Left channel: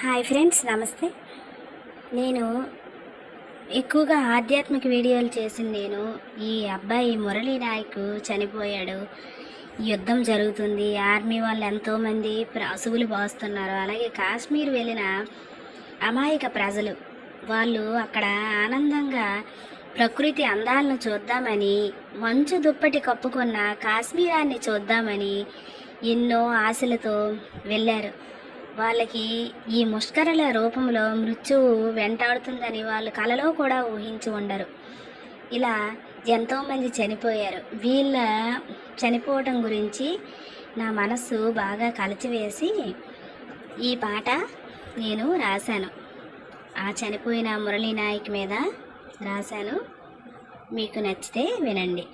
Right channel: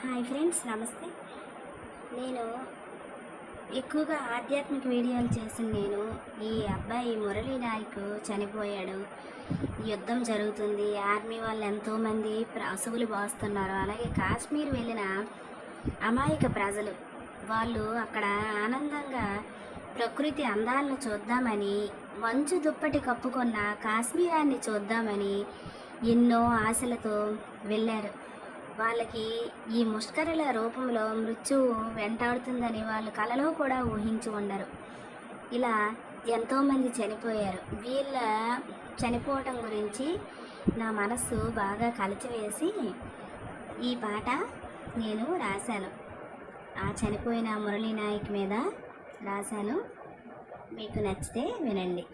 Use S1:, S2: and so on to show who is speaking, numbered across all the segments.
S1: Hi friends నమస్తే. నేను ఎక్కువగా ఆధ్యాత్మిక వీడియోలు చేసిన నేను. ఈ అబ్బాయి మురళీ నాయక్ చనిపోయాడు. యుద్ధం జరుగుతుంది. ఆర్మీ వాళ్ళు ఎంతోమంది అసువులు పోస్తున్నారు అలాగే కాశ్మీర్ వెళ్ళిన అమాయక ప్రజలు వాళ్ళు అక్కడ ఆనందంగా ప్రకృతి అందాలను చూద్దామని మంచు దుప్పటి కప్పుకున్న కాశ్మీరాన్ని చూద్దామని ఎన్నో ఆశలతో వెళ్ళారు. వాళ్ళకి ఈ ముష్కరల రూపంలో మృత్యువు వెంటాడుతుందని వాళ్ళు కలలో కూడా ఊహించి ఉండరు. ఇలా ఎంతోమంది చనిపోయారు. వీళ్ళ చనిపోవటం గురించి నా మనస్సు బాగా కలిచివేసి ఈ పాట నేను రాశాను. ఆ చనిపోయిన మురళీ నాయక్ మీద రాశాను. మీకు నచ్చితే వినండి.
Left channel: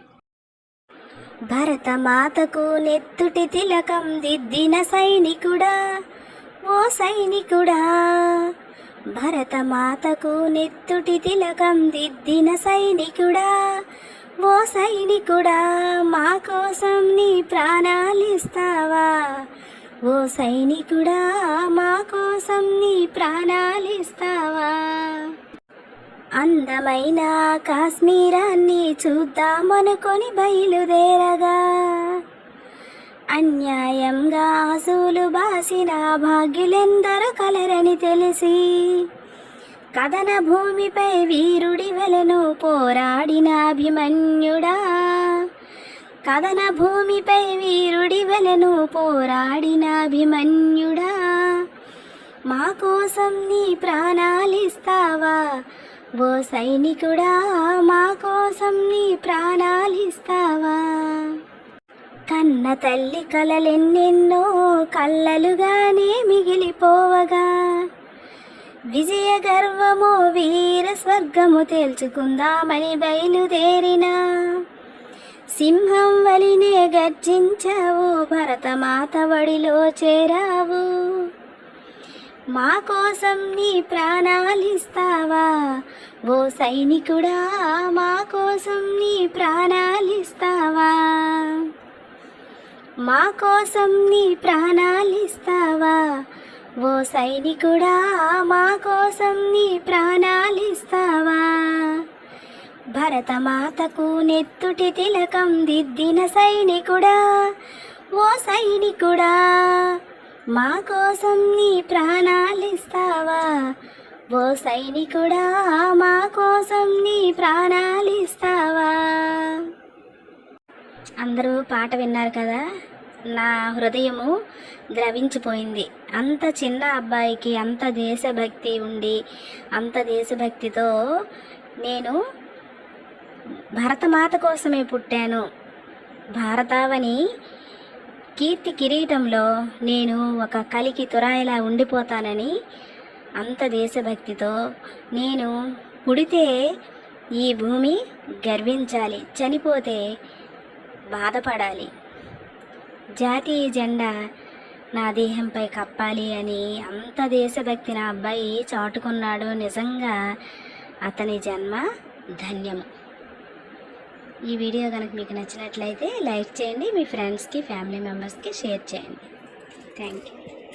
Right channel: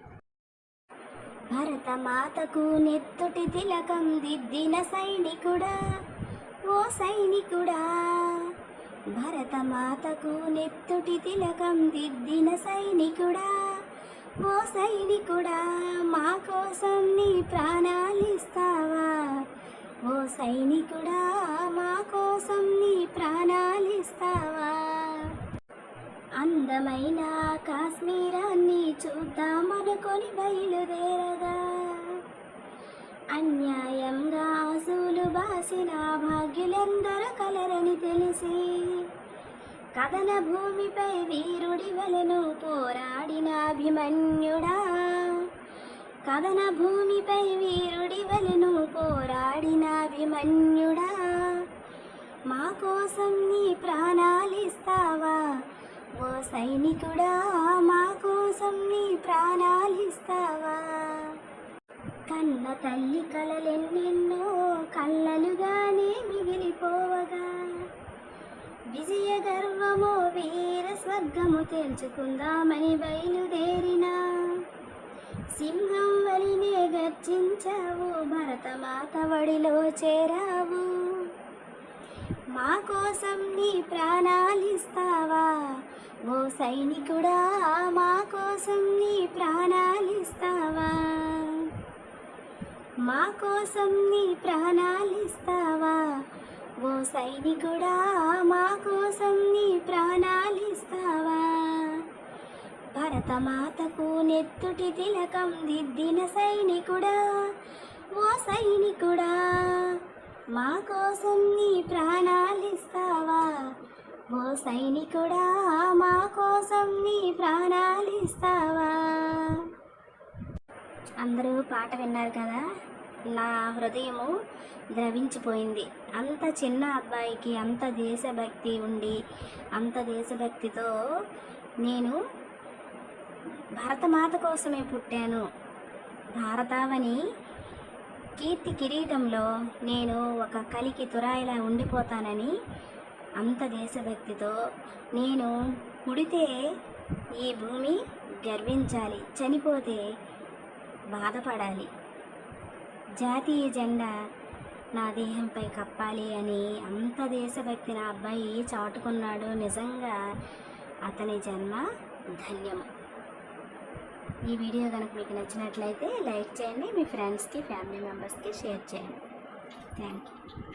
S1: భరత మాతకు నెత్తుటి తిలకం దిద్దిన సైనికుడా ఓ సైనికుడా భరతమాతకు నెత్తుటి తిలకం దిద్దిన సైనికుడా ఓ సైనికుడా మా కోసం నీ ప్రాణాలిస్తావా ఓ సైనికుడా మా కోసం నీ ప్రాణాలిస్తావా అందమైన కాశ్మీరాన్ని చూద్దామనుకొని బయలుదేరగా అన్యాయంగా ఆసులు బాసిన భాగ్యులెందరూ కలరని తెలిసి కథన భూమిపై వీరుడి వెలను పోరాడిన అభిమన్యుడా. కథన భూమిపై వీరుడి వెలను పోరాడిన అభిమన్యుడా. మా కోసం నీ ప్రాణాలిస్తావా ఓ సైనికుడా మా కోసం నీ ప్రాణాలిస్తావా కన్న తల్లి కలలెన్నెన్నో కళ్ళలుగానే మిగిలిపోవగా. విజయ గర్వమో వీర స్వర్గము తేల్చుకుందామని బయలుదేరిన. సింహం వలినే గర్జించావు భరతమాత వడిలో చేరావు. మా కోసం నీ ప్రాణాలిస్తావా? ఓ సైనికుడా మా కోసం నీ ప్రాణాలిస్తావా? మా కోసం నీ ప్రాణాలిస్తావా? ఓ సైనికుడా మా కోసం నీ ప్రాణాలిస్తావా? భరతమాతకు నెత్తుటి తిలకం దిద్దిన సైనికుడా ఓ సైనికుడా మా కోసం నీ ప్రాణాలిస్తావా? ఓ సైనికుడా మా కోసం నీ ప్రాణాలిస్తావా? అందరూ పాట విన్నారు కదా? నా హృదయము ద్రవించిపోయింది. అంత చిన్న అబ్బాయికి అంత దేశభక్తి ఉండి అంత దేశభక్తితో నేను భరతమాత కోసమే పుట్టాను. భారతావని కీర్తి కిరీటంలో నేను ఒక కలికి తురాయిలా ఉండిపోతానని అంత దేశభక్తితో నేను పుడితే ఈ భూమి గర్వించాలి చనిపోతే బాధపడాలి. జాతీయ జెండా. నా దేహంపై కప్పాలి అని అంత దేశభక్తి నా అబ్బాయి చాటుకున్నాడు నిజంగా. అతని జన్మ ధన్యము. ఈ వీడియో కనుక మీకు నచ్చినట్లయితే లైక్ చేయండి మీ ఫ్రెండ్స్కి ఫ్యామిలీ మెంబర్స్కి షేర్ చేయండి. Thank you